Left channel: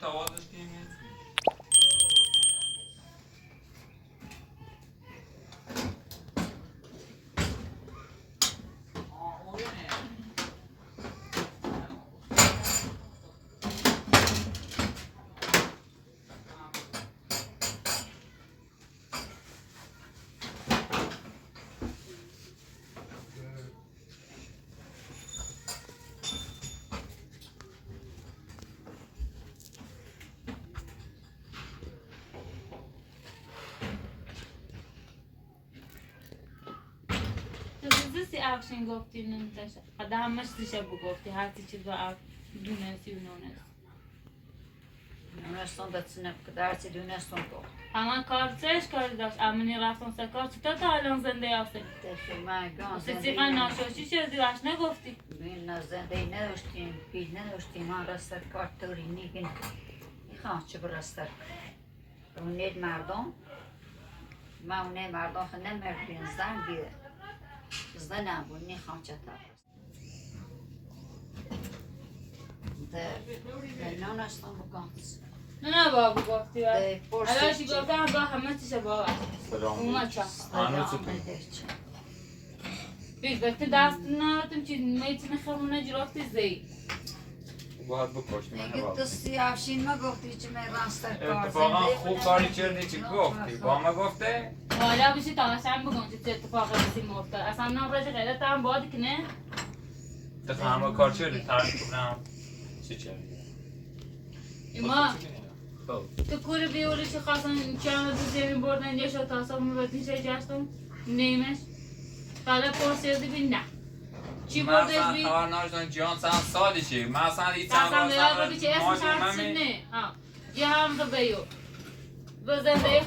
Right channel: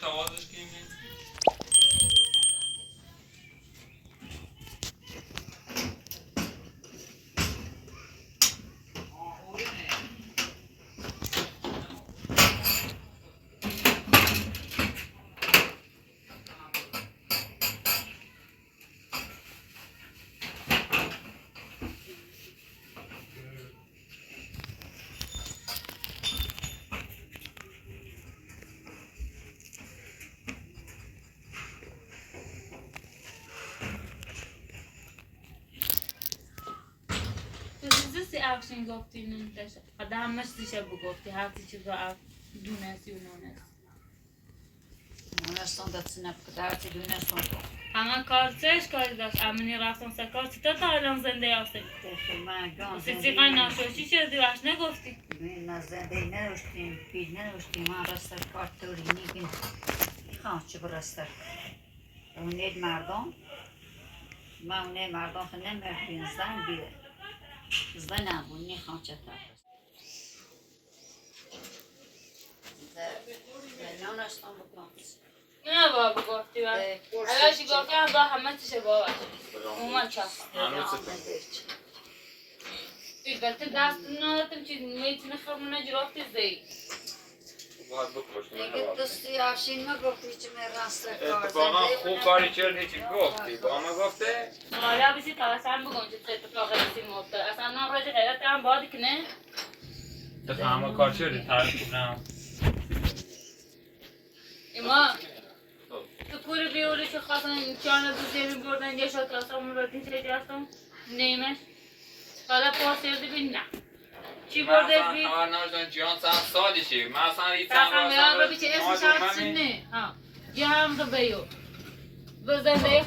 تا آوازش کنیم افشین گفتی نمیداشت قدر همش دیشه بگفتی هر چیز رو دونستی و دونستان دستونه درتی دونستان اما کارچش کاری داشت امنی رفتن سکار چطور تا الان زنده هستی؟ سیقا ناشوشی شدی وش نگفتی؟ ببین نه زنده نداشتیم پیل نداشتیم من رستر کار توری نیگین میخوام چه برستر اونید مردم من اونه مردم خیلی نمردین زن بیده زن نبون نیخوام چطور نه نشتم بکنس نه بابا گفتی الاشی گفتم با همه چیشه بابا اومد چه بیشتر دست ندارتم چیز میتونه خمونه جرافتی زی باید بکشتی من اگه دستی افشین نگفتی چه میرانستر کار اتفاقا خوب کاری چردی چی گفتی با ما گفته؟ حالا بشی تا اصلا بگم چه اتفاقی بسیم مفته اصلا نم راجع خیلی هم بادی که نه؟ اتفاقا همه کار چردی تاریخ کنم ایما تو کوری بیوری چه خواستن چانه بوزی می بردن یه شد کاسا می بردین چه جاستم نیمش حالا پرسیدی بین نه چی بردش بی؟ من اصلا خبر نداشتم جان چند سالشه من اصلا این چند رو بیچه اسمش هستیم نه یه هم رو بیو به زنده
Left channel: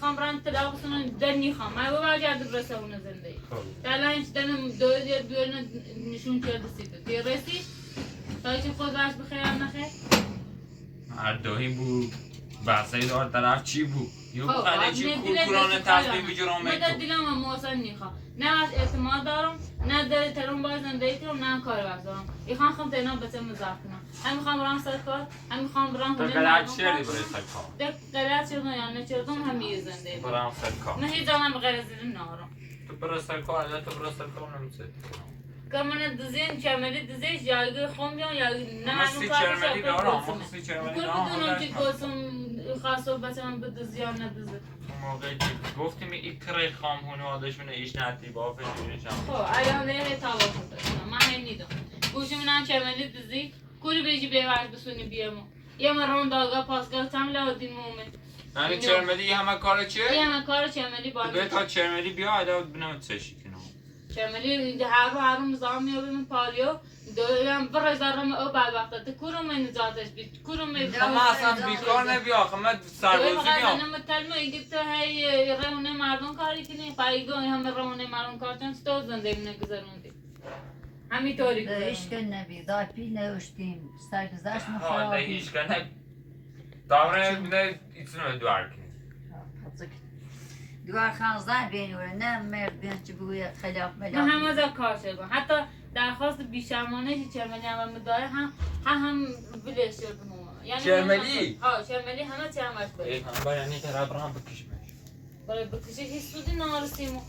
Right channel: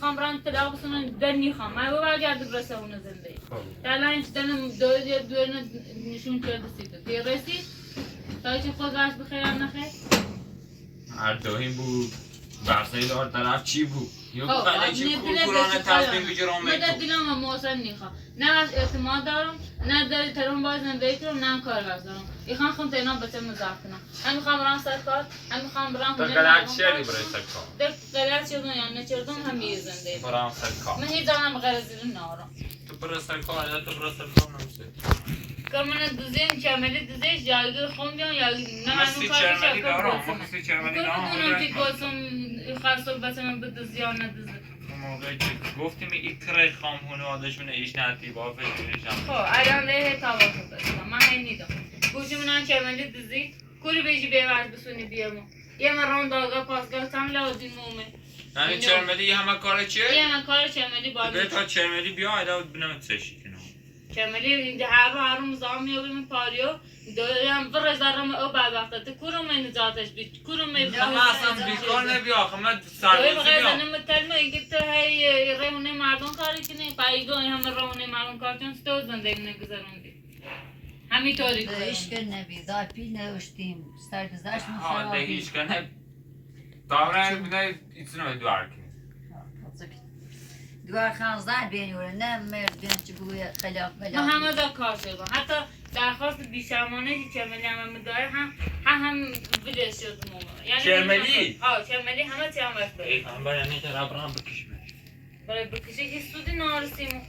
خام رند طلاق سنون دنی خام من با برگرد برسه اون زنده الان اینش دنم دوی نشون کرده سیده که رسید تا چی خود برش بخیر نخیر هر دوهی بود برسایی دار طرف چی بود یه بخواهی چی کورکورانه تصمیم بگیرم نه در دیلم هم محسن نیخواه نه هست اعتماد دارم نه در ترون باز زندگی کنم نه کار باز دارم ایخوان خون تینا بچه مزاق کنم هم میخوام برام سر کار هم میخوام برام تو قلعت شدی برای سر کار قلعت شدم یا نچردم هم یه زندگی برام سر کار من هیچ زمان بغیر زیر نارم تو برای سر کار یا تو برای سر کار نمیشه که من دوزین چرملی دوزیش یاگی خون بیان یاگی نه مستی چرملی دارم مستی چرملی دارم بدونم که گوزم خرصو بچه من بدوزی یا ندوزی موقعی که گفتیم ایکره خام هنوادشون ایش ندی با فشیرشم خب الان لیه تاوا شده من هم نیدم گوشی منم چرملی دوزی کوری بیجی بیورد بسونی بیامو یه من رون داغا پاسگاه تم لازم مومه یعنی چرملی همه کار چیه؟ یه من کار چرملی باید به تا چرملی بیا ایده بنام تشی کنم چرملی اینجا هر روز مزام میابیم پاریو دارم برزارم او بعد وقتا کورم من نجاتش بید کورم من اصلا بیکار نبی آخه من سربازی بیام من کلمه اینکه تو هی رهونه مردم کاری کنی پایگاه همه رهونه مردم کار چون تو زندگی نگذروندی همینطوری کنی هیچ کن نبی دای پیل نوشتیم سرگذشت ما ها خرابی هیچ کنه دامنه بیده ایتونه دوار کنی دوار خانزن بینوره نه مردون چه بگوی خلاف من ملاف همه دا کار شدم حتی درخواست بیشمانه که چرملی همه داره هم ویدیو شدم یعنی چرملی؟ ها چرملی همه چی هم ای هم باید نه طرف برام بکشمش برای بکشه هیچ سودی نارسیمو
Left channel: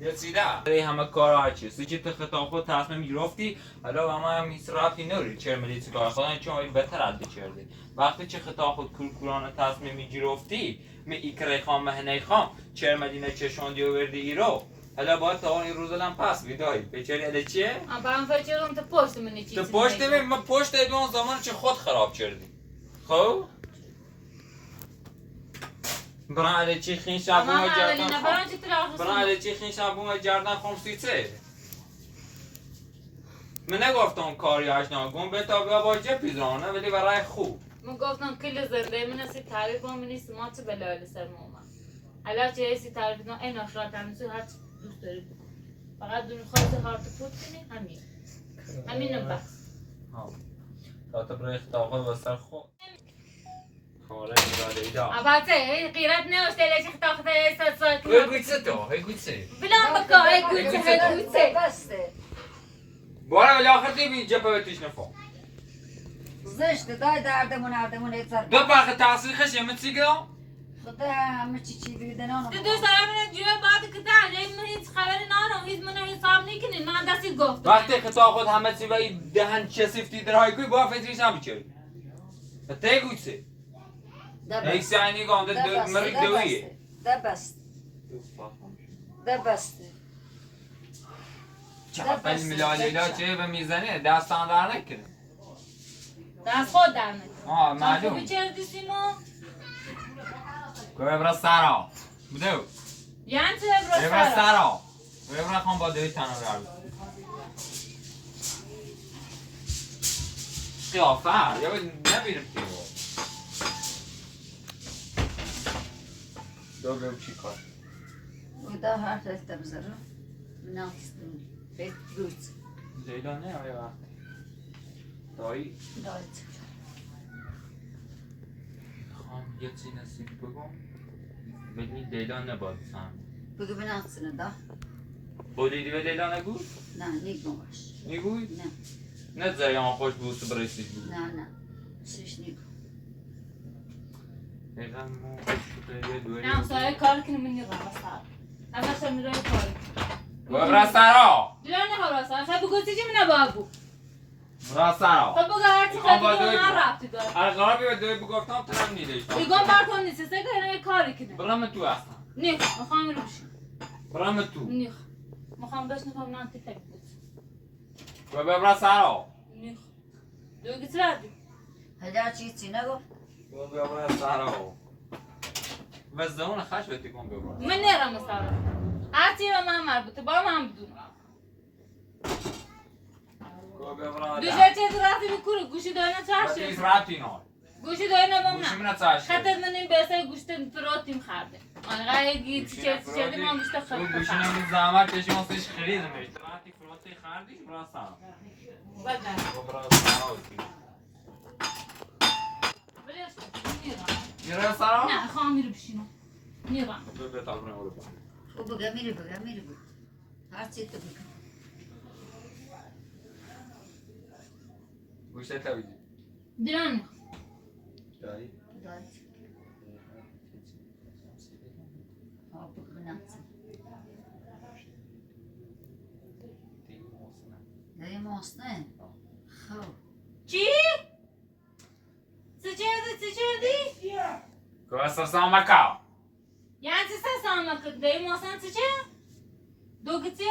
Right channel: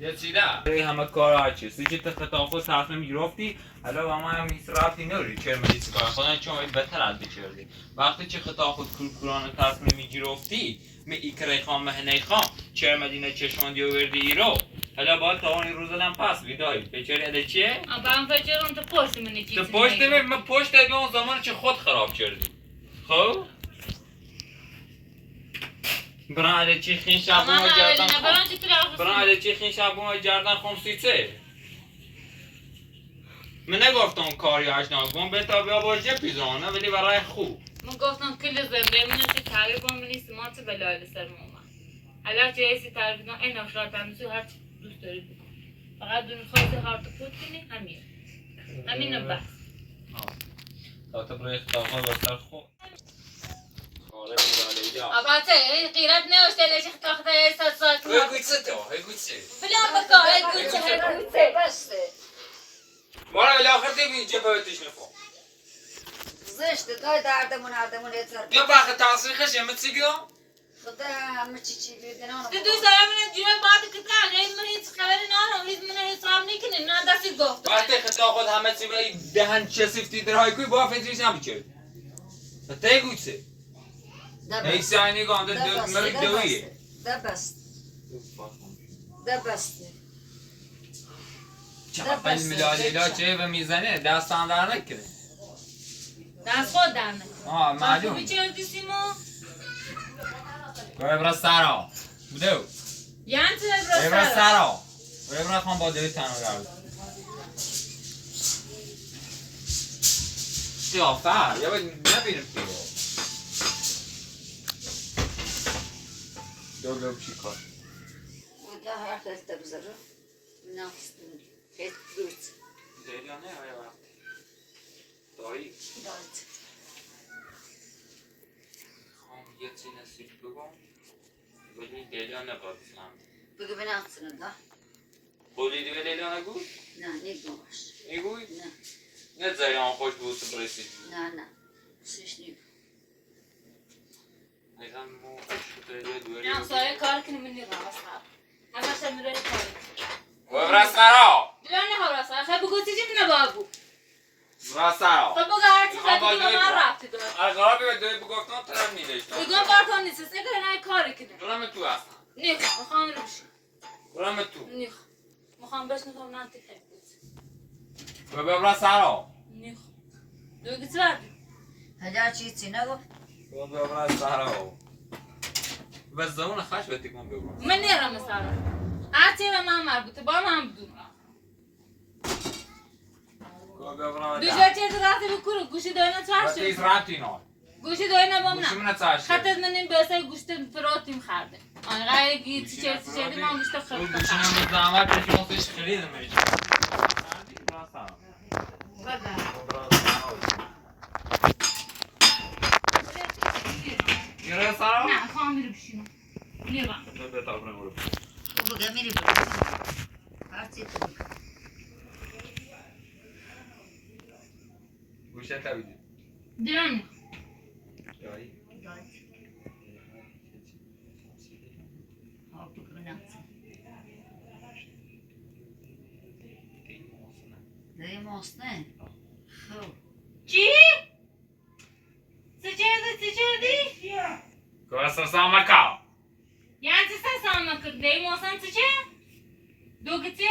یه چیده برای همه کار هرچی سی که خطافو تصمیم گرفتی حالا با ما هم هیچ رفتی نوری چرملی چی کار خودن چون باید بهتر از بچردی وقتی که خطا خود کورکورانه تصمیم گرفتی می ایکره خام مهنه خام چرملی نه چشماندی و وردی ایرو حالا باید تا اون روزلم پس بیدایی بچری اده چیه؟ من فکرم تو پشت منی چیزی تو پشت من پشت به اون زمان چه خود خراب کردی خب؟ برای علی چی خین شبون جردن خم برای علی چی خین شبون جردن خم سیچه من نگفتم کاری اشنا گم به تا بیا باشه پیزانه ولی برای خوب من گفتم کل زنده من چه تعریف هم نیست ما چه بلایل سر موما حالا چه ایسی تعریف نه این آخرات همیشه هر چی دوست داری بکن فقط دون خواهد هارت فوت کنی همین بس تا تو برای اختلاقا بستر خود خارج Leila. Aber hey, قیرت نوشته لیش اختاخته ایستاد Hur gudse då? Hur gudse? بلان بکن ای گوچه ای گوچه بسته بارا ولی آخر دیگه جبهتش نفهم زشته دای دردمون یه ذره دو باقی تصریخش یه متسیگم خدا همه چی بیده نانو دو سایمون جوه بعد که تغییر من هیچ خبری نانو هیچ من حساب نکنین من دستی گفتم وقتی خطا خود همه چی و دهن چسیفتی درهای کوی با فکرش نمیشه تا گوی سه ای ساینی گانده مری دویه ده بسته چه میلالیلا چه به میزنه دستان در نکنه دست خود در نکنه معلوم خوبی چه دیسیمو؟ گوه برا سرا بدو یعنی چه برا سرا گوه برا خان با دوی تنو رو قیافه یا باید نبیرم پیو دو چی کار ده هر خیلی بزرگ ناستم خیلی گرد لیلا نه آیا وقتی دایی دایت خان یه چی نسید بگم ولی لیلا نباید سهم بگو بناستنه ده بولیدی به لیلا نگو؟ نه نیگو باش نگوی؟ نه نه زایی آن خوش بود تو برسید بود نه سیش نیگو لیلا مو خوش بوده یه دوری نه سایه کار کنی من نیغم اصلا همه شمیره کار و برا سرا دلانی ها راستا خب بگو چیزی من نباگو برا سرا خب بگو هرچی خیلی بگو من رفتی دار القرار به دوی بگفتم تو هم میدشتم بگو بارتون نیست سه که اینای کاری کنه برام تو اصلا نیخ مخوام اینو بشیم برام تو نیخ مخوام بشنفم نه انتی خیلی بود و برا سرا نیخ دو گیت ردی هجا چی نگو و برا سرا و زمان خش بهتی کن بگو من نیرم سارا هرچی به من مربوطه با من بدون دوشه چیز رفتی بکرو گوشی داینا چرشه تیز رابطی نار گوشی داینا بام گوشی نه من چرشه خطت من این بیسه گوشت پروتیم خرده آنقای گیت چرتی من گوشت خرده گوشی من زحمت کشی ما سویش خریدم ایش خردی برا سرا بله برا سرا میره سرا؟ نه خواهم میره بشینم نیرم دو بتا برم رو بگو میری هر چی تو بگو گوشه تبیدی دلانی دایی دایت بگو بناستنه ده ماستنه خب چی؟ چه گوه سامکا یعنی چه سامک دی موسان چه؟ دو گتیو؟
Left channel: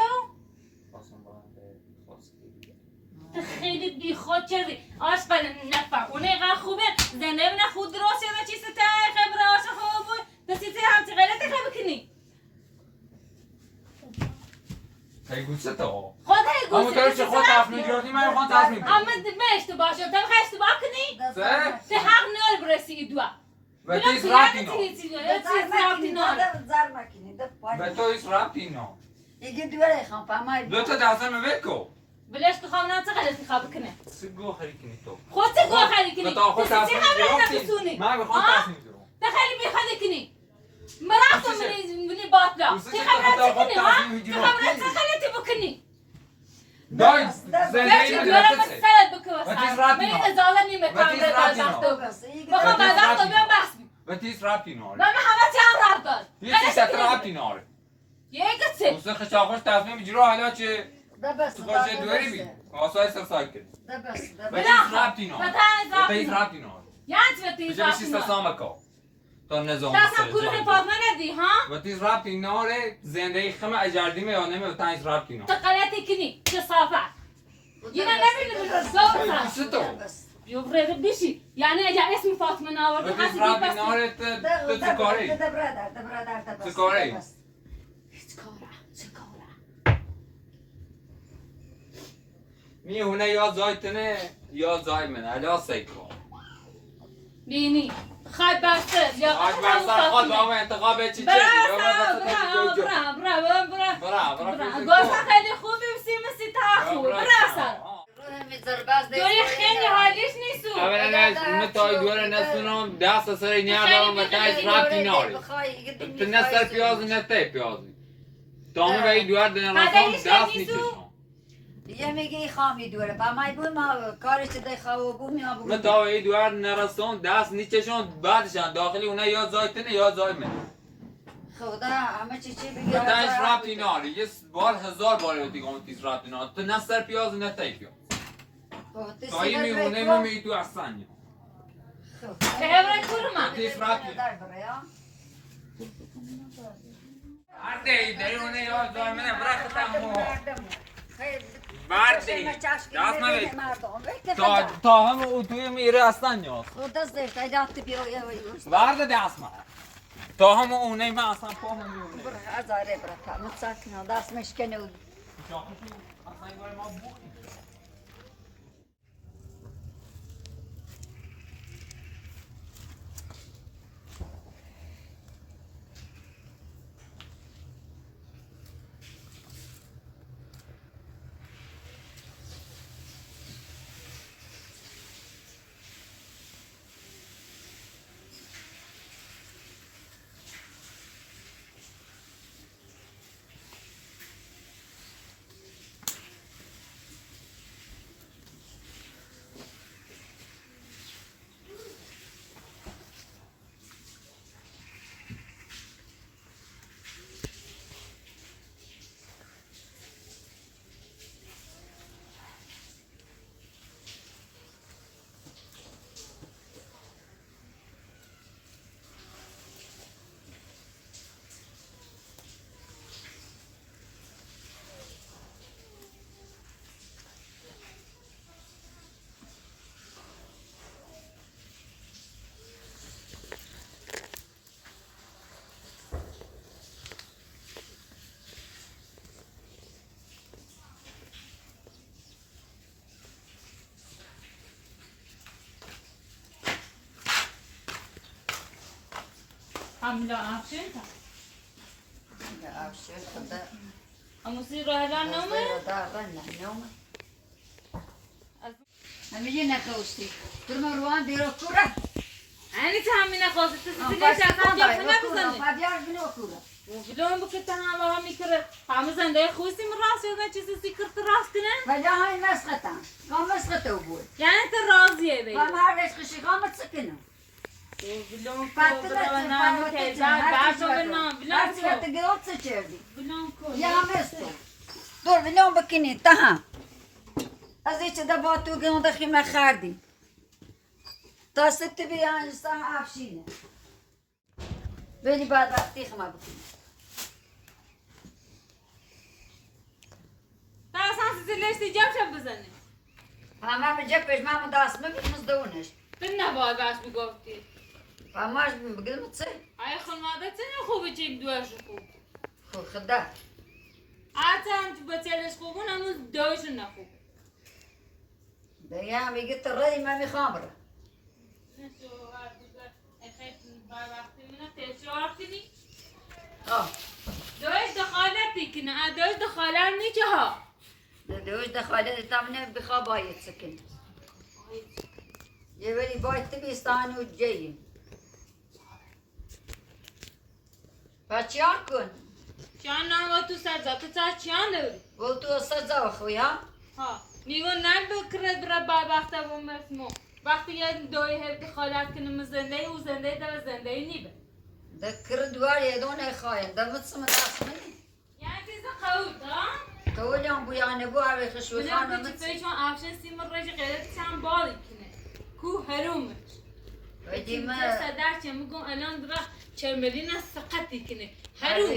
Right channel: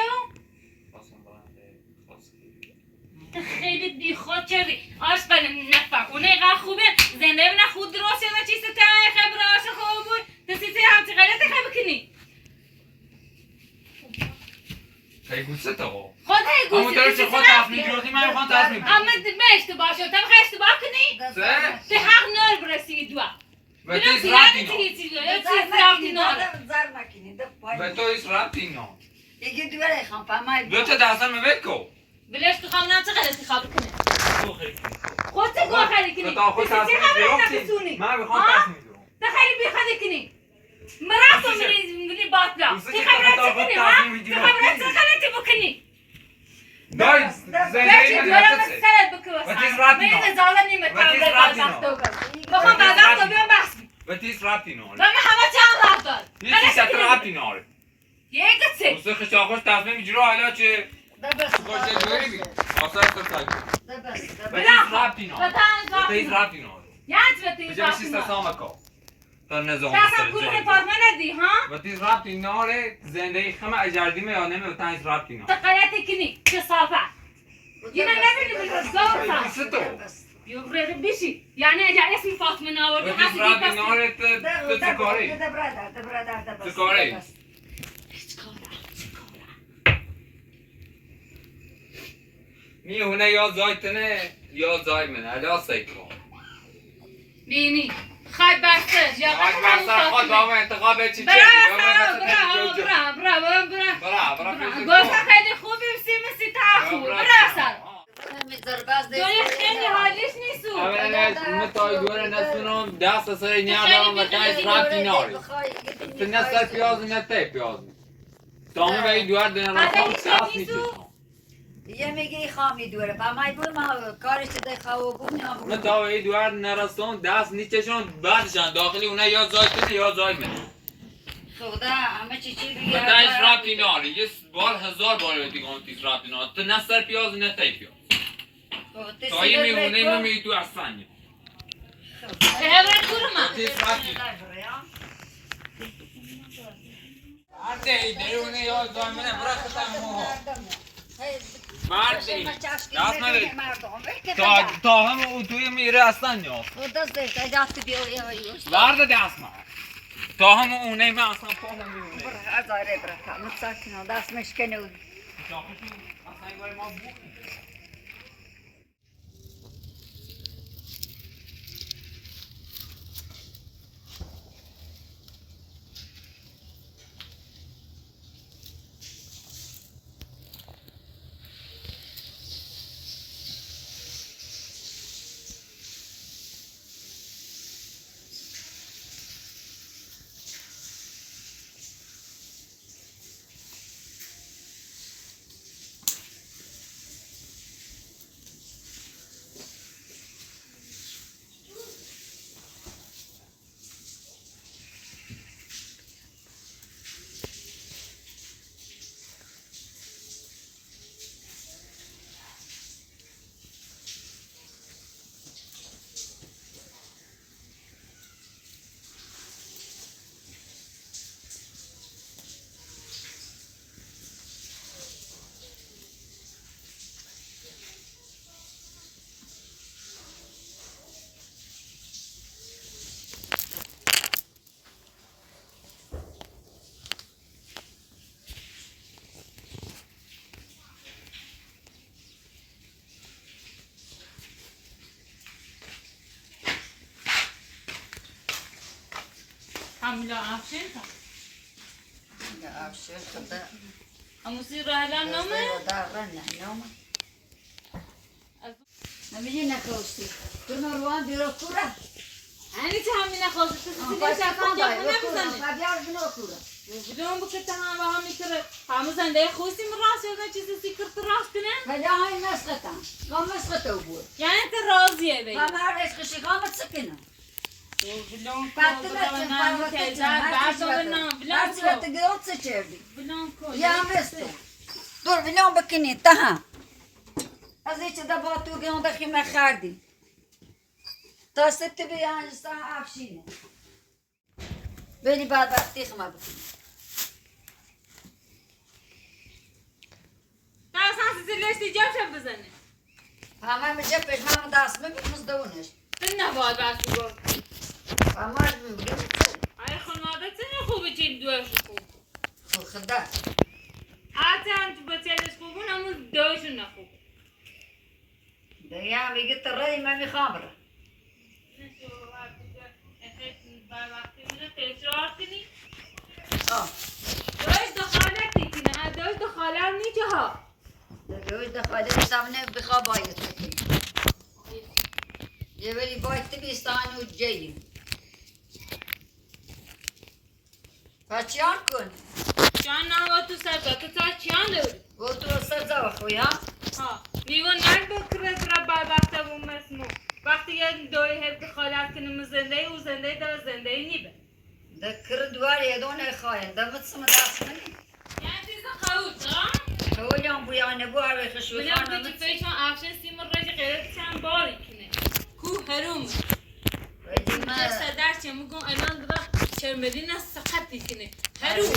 خیلی بی خود چری آش بله نفهم اونه اینقدر خوبه زنده بینه خود درست یا چیزی تایی خیلی آش خوب بود تسیتی همچی غیرت خیلی بکنی هی گوشه تو خود هی اما گوشی داره چه خود تصمیم گرفتی من میخوام تصمیم اما بگیرم من اشتباه شد تو میخوای اشتباه کنی؟ سه؟ تو حق نار برسی دوا به تو ایس رابطی نار زر مکنی ده پای به تو ایس رابطی نار دیگه دوره خان فهمای دو تا دستم بکو بلش که خواهم چه غلطی خواب کنه تو خیلی کنی خود چه گوه خیلی کنی؟ تا خود تصمیم گرفتی؟ گرفتی من میخوام تصمیم گیرم تا خیلی بی خود کنی مرافت میری باطلا چه خبرت کنی ها؟ چه خبرت چه غلطی بکنی؟ دای زندگی من دورم نفسه سرت بکو و تیز رابطی من نار ازاله نیمه و تیز رابطی نار بخوام بازم تو بیام بحث بی و تیز رابطی نار و من همه چند رفت دار یه چیز ست رابطی نار یک چه؟ دوست خشاخوش تصمیم میگیره حالا چه ده بس باشه دوری بی آسای سرسای کن ده بس و تیز رابطی نار و تیز رابطی نار یعنی به تیز بجا رفت بشی سامکا تا نظام کسا کل پاسمه ندی ها؟ و تیز رابطی ناره زندگی خمه اجردیمه یا نمه و تیز رابطی نار تو غلطی کنی چه صافت یه نمیدونی من رزاق بیسه تو یوفرد بیشی یعنی اگر اسم فاطمه ناوردی و تیز رابطی ناره تو چه کاری؟ ده برادر چه کاری؟ هیچ کاره میونه یا زای تنه یا زای منه الا سیکو بینی خواهد برسه یا آج برسر خود با انتخاب چی چه برا خیلی خوبی و سی تاخو برا دوری خیلی حالیش نیستو اولا متای دوره نسونم دست سری نیا دارم و تایز رابطی ناری تو نسل پیازی نته پیازی تامه به این دوار دین رسام دست نیستوشم یه میگی خامی دوره با مای بود ما کارش ده خواب بود نه بود من تا ای دوار نرسون دست نیچشون بعدشان داخلی اونها یا زای کنه یا زای من خدا همه چی بگی بدنش رابطی ناری یه بار 1000 بار دیگه اون تیز رابطی ناری تو نه سر پیاز نه تای پیاز تایی میمونه میمی تو اصلا خیره kurma. تیز رابطی عده درونه یا زای منه برای خطا مو بعد دی دست نده تا هم او توی میره اصلا نیاز وارد دست ما تا هم اونه من اصلا پاهم میونه دست مشکنه اصلا ما بود Hamile afşin ta. افشار خدا Ama siz rahlan ne mi? همیشه نخواستی تو روان دیرو کورا Hani tahmine khosut siz ne şakan ya ne bizane? فبیار بنو کورا Bilon bu kitan ha mikre. Hamzan da khosi mi ras ya çiz sikrt ras kine? ولی های مسخطه قام مسخطه بود Yani te raziye be. قام هر خشی قامت سکنه Bilon Patlat ko teyze başım ne bilon Artık ko. gidot seçerdi. Bilon ko. Ya mesto. Dur biliyorum bakini taha. Az hiç de batu gün de khime khardi. Tasit bi yani saha afşine. Beni بعد وقتی خما بکنی. Ta sen sizleştireceğim şey bizane. Ama میشه پشمام دست میکنم دونش. Sen ne var baş bu gofti? Ama میگم Ay خانواده sen خوبه چی دوش خوب. خدا. Atan بچه‌ش خوبون اما دوشون نه خوب. دیا میگه ترای من میخوام بره. آه. دوش دخالتی کنه. دوش دخالت نیچه ها. دوش دخاله سامنه بخواب باید بکنی. یه ولی باید تبیستان و جیم. بچیان کن. چان نه و تو سر تو سر چیان داری؟ و تو اصلا زوا خوی ها؟ ها. نیو نرد کرد را بعد وقتا و مسمو. وقتی یه دوی هر دخالت کنه زنده و زنده در زنده نیبه. ذكر دوار يدون خاين ده متصم داس مني یعنی تیز خود ها؟ هو اليوم بويا نبو على خشوي بنا خانه بيجي فيشون عفشن سيم الرجل غيرت كان باري كنه. کو هروم. ويجي ما ما صدرت میگم الان درا شرملین سقطی کنه. هروم.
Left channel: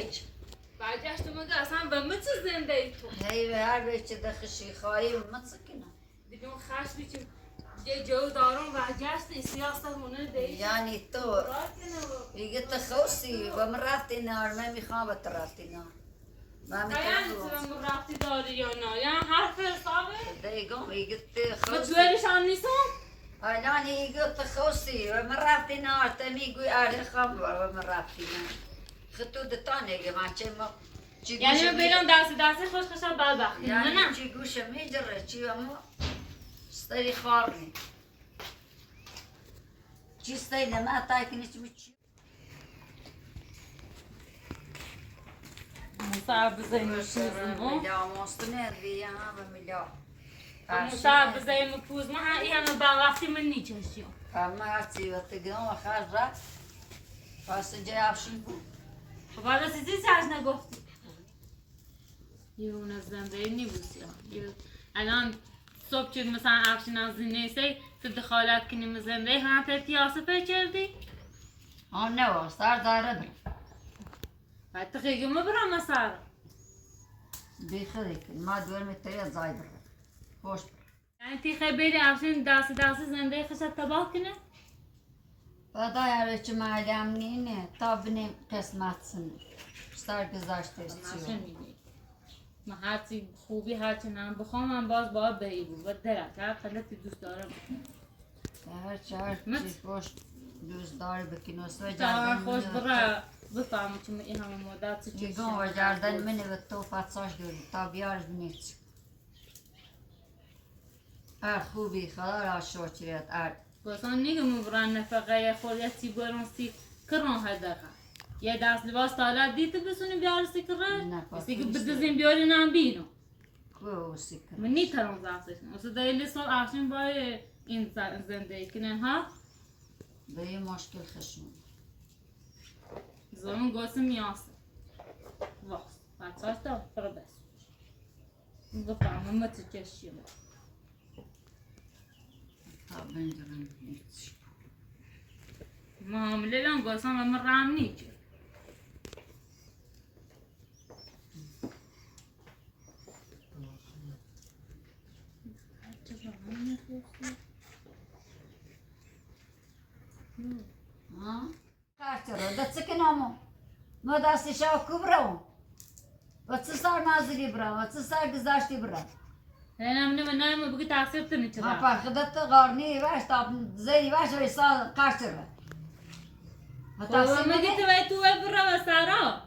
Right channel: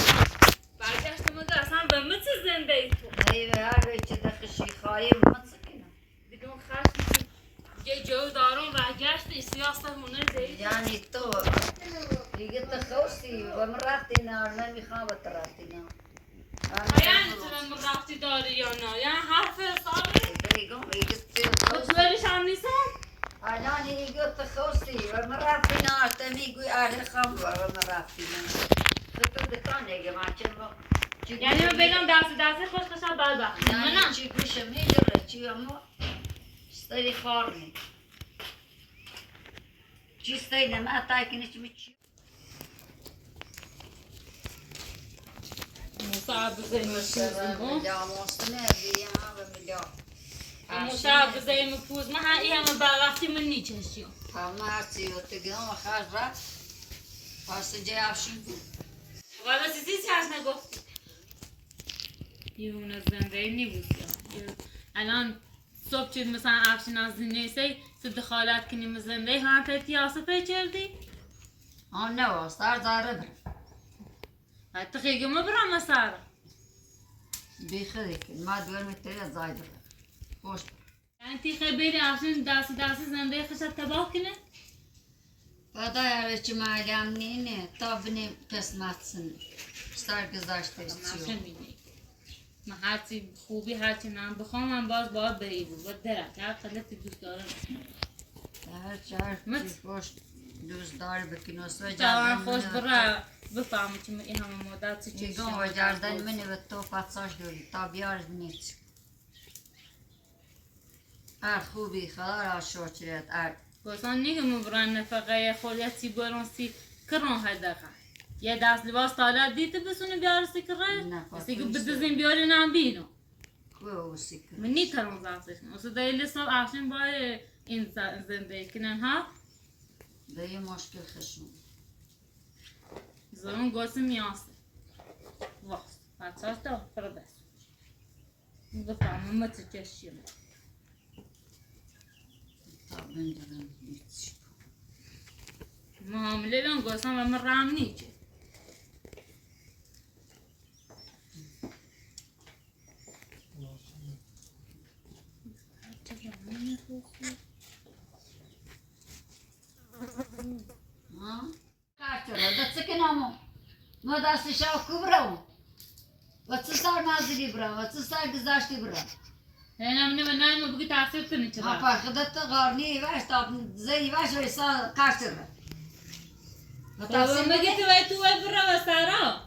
بعدش تو مگه اصلا به من چه زنده ای تو؟ هي هذا كده خشي خايم متسكنه دیگه خشم یه جو دارم راجعش سیاست مونه زید. يعني تو يجي تخوسي ومراتي نار ما مخابط راتي نار یعنی تو من رفتی داری یا نه؟ یعنی حرف ساده؟ ده يقوم يجي و تخوسي دویلش هم نیستم؟ يعني يجي تخوسي ومراتي نار تمي يقول خمر ومراتي نار خطو دتانه يا جماعه چما یعنی من بیلان دست خوش کشم بدبختی يعني نه؟ چی گوشه میجره چی اما ستری خارنی چی ستری نما تاکنی چی میچی صعب زي مفوز مليا مستمع بيا مليا صعب زي مفوز ما هي هم وقتی من نیچشیم همه چی وقتی و خرج را واسه جای افشین بود خب حالا چیزی سرش نگفتی یه اون از زنده نیبوسی الان صبح شد مثلا افشین از زینه دخالت کنیم زنده هم تیاسه پیچردی آن نه واسه زاره برم بعد تخیگه ما برام مسار بیخری کن ما دور متری از زای برم خوش یعنی تی خبری افشین داسی زنده خشت تباه کنه بعدا یاره چه مالیم نینه تا بینیم قسمت سنه سرگذشته چیو من هرچی خوبی هرچی من بخوام من باز باید بری بود و درک هر خلطی دوست دارم هر چی خوش دوست داری بکنی و سوی جوان خوش برای بفهمی که این همه مدت چه چیزی میگم و جردن منی و تو فتساش دوری تا بیارش بینیچ هر خوبی خدا را شوچریت ار گفتان نیگم بران نفقه خوریتی برانسی کران هدقه یه دست لباس طالت دیده بسونی بیارسی کرن بسی که بدزین بیاری نام بینو کوسی کن من نیترون زفتش کنم اصلا دلیل سال افشین باید این زندگی کنن ها دیگه مشکل خشون زمان گوسم میاسه وقت بچه‌اش تا فرده بفهمم ما چه چشیم تا بندرم هیچ معامله لون گوسم من رام نیچه ها کارتره دست کنامو ما دستش آکو برام و چه سر نازلی برام و چه سر گذاشتی برام نه من بگی تاثیر تنی چرا ما پرخدت غارنی واش تا زی واش و ایسا کارتره و بابا مگه تو برا سارا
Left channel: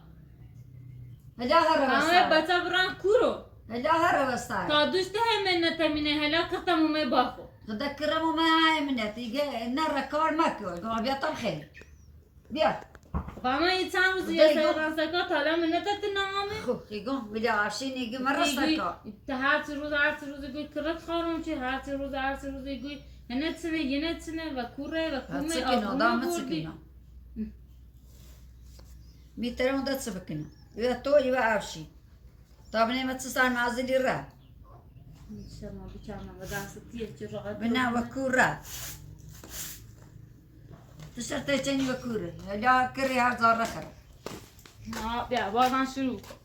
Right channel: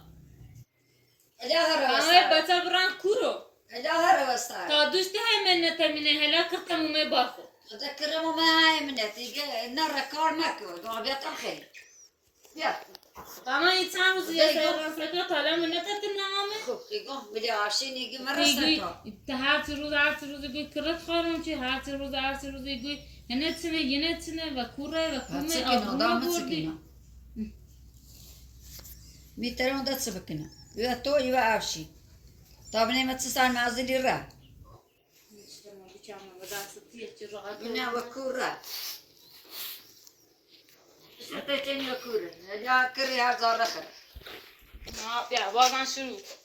هلا هر همه وستار بچه بران کورو هلا هر وستار تا دوسته هم من نتمینه هلا کتمو می باخو خدا کرمو ما هاي منتي نرى كار ماكو قال بيا طبخي بيا فما این چند روز یه سیران سکا تالا من نتتنامه خو يقوم بيا عشان يجي مرة سكا هر روز گوی کرد خارم چی هر روز گوی هنت سنه و کوره و کومه آبروما بردی ميترون ده تسبكنا يا تو يا عشي طب نيمة تسان نازلي را شما بیچارم و دستیه چی راحت بنا وكورة تشتري تاني وكورة لا كري هذا رخر بیا بازم شروع کن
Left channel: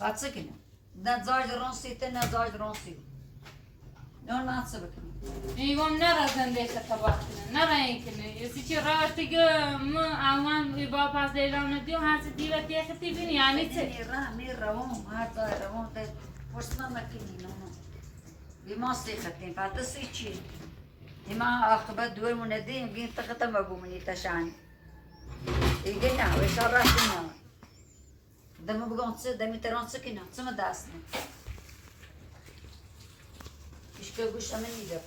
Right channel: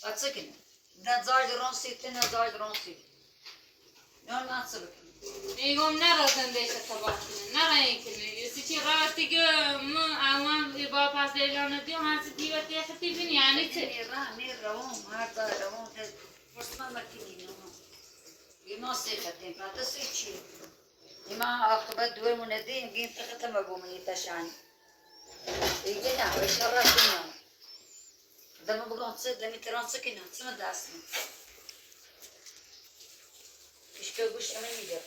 هاتسكنا ده زاج رونسي تنا زاج رونسي نون ما تسبكنا میگم نرا زنده تباه کنه نرا این کنه یسی چی راحتی که ما امان با پس لیلا نگیم هست دیو تیختی بینی یعنی چه ميرا روم هذا روم ده فرص ما مكني نونو بما سيختين فاتسيتشي بما أخبت دور مندين جين تختم أبو مني تشان يجينا ويشاركنا دم بقون تصير دمي تران سكنا ثم داسنا إيش كوش أمني ده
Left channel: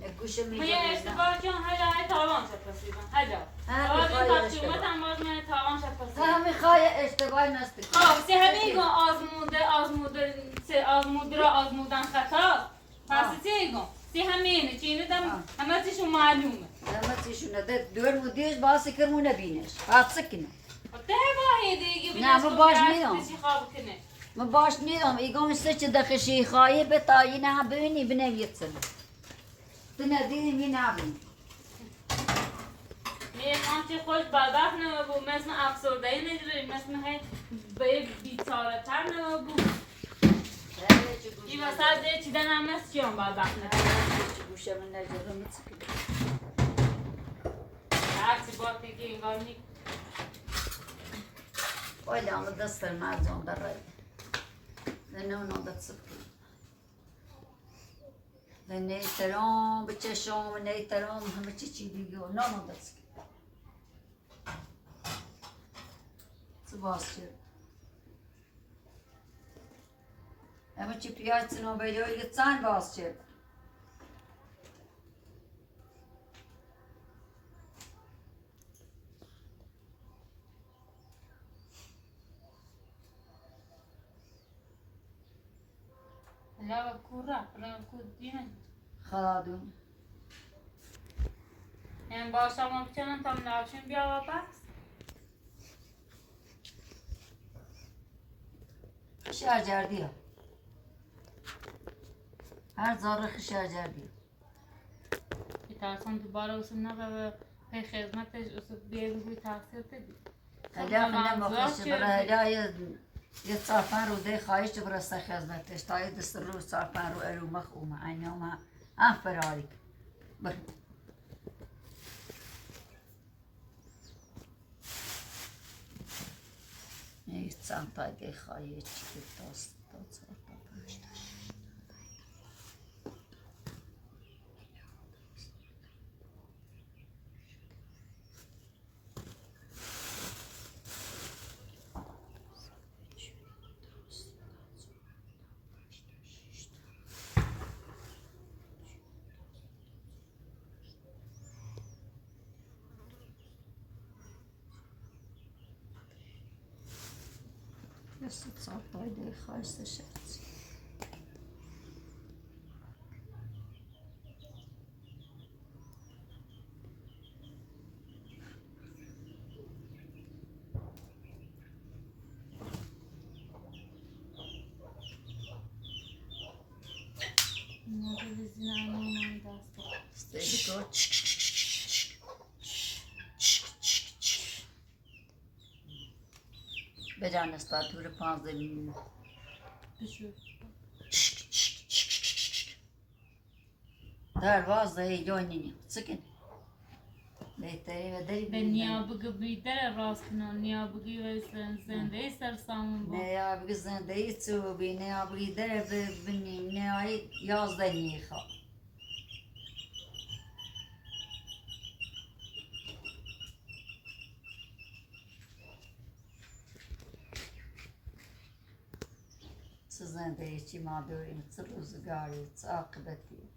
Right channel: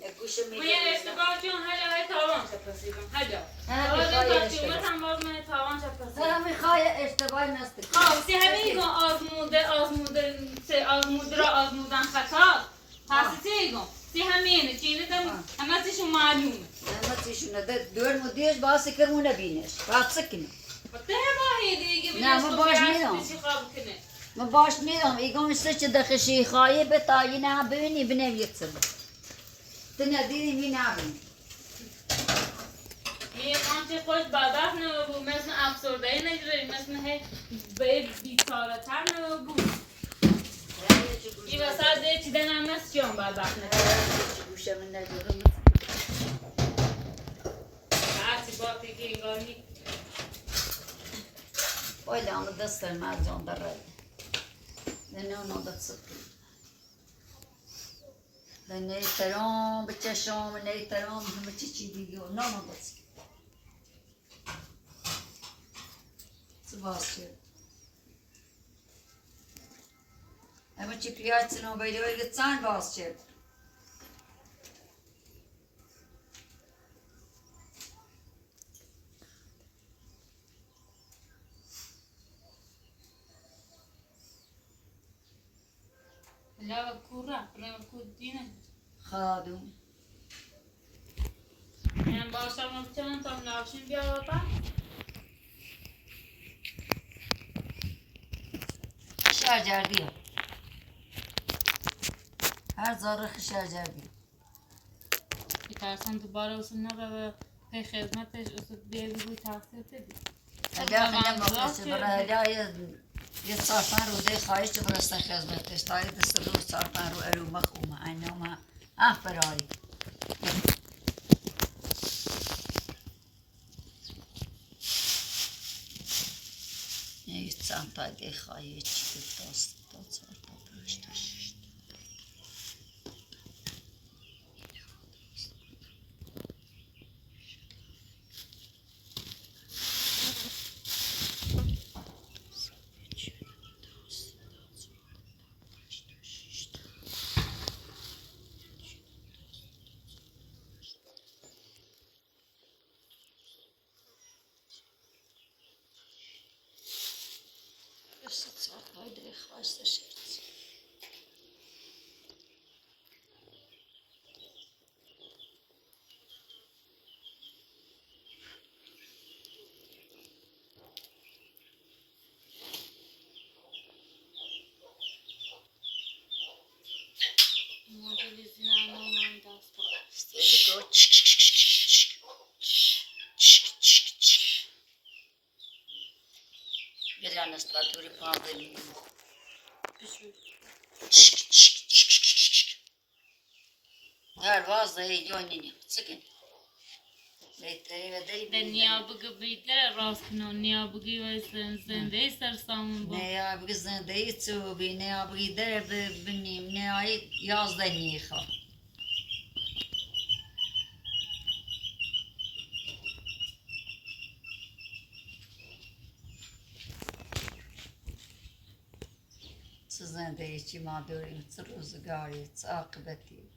نقوش ما أمني یه ده اشتباه جان هلا تاوان شپسیدم هلا ها باز بخايا تقیمت اشتباه هم باز من تاوان شپسیدم ها بخايا اشتباه نستك خب سی همه گم آزموده را آزمودن خطا پس سی گم سی همه اینه چینه دم همه چیشون معلومه ما تيشونا ده دور مديش باسي كرمونا بينش فاتسكنا ده باهی دیگه نه، من باش میرم. خواب کنه ما باش نيرم يقوم يستش دخشي خايب طاينا بيني بنام يتصل تناديني مين عبني یه آنچه خوش بدبخت نبود مثل افسردگی نگیره مثل هی به بیچاره تر نبود این وسط یه چیدن هم هست جان بدبخت نبود هرچی باتی که انگار می Olha, ela dança mais onda rei. Não dá de subir. Neitaron, bechachon, neitaron, bechachirigo, não dá de subir. Sebastião. É uma tipicada se não vai dar ele tsan Sebastião. لا كورة لا كودينه خادون يعني باشا ما بتشنن تام ناشين بيا وطا شجردی ها هر زارخ شجردی بترسن دوباره وصل نبا به خدمتش وصل بیا بگوی تحصیل تبی اگر خیلی مخلصی برای یه 4-5 روزه خواهش برسته خدمتش تا یه دست روز 4-5 رو الو مخومه اینه فراری یه چند تا دی خواهی چی دست تا 4 تا 5 تا 6 Just saat bij de gasten zit. مدل زین من دست با Stedik o. بدن استاتور 5 دلیم. بشو در وازه یونینی. سکن. بهتری و دری. دنیا بگو بیتر راست کنن نیا بگی و زنده سر سامون با نه یا بگی زنده ای تو بی نه یا بگی در ببینیم نه یا 11 نیخا. زنده ای چی ما داریم چه روزگاری چه عاقبتی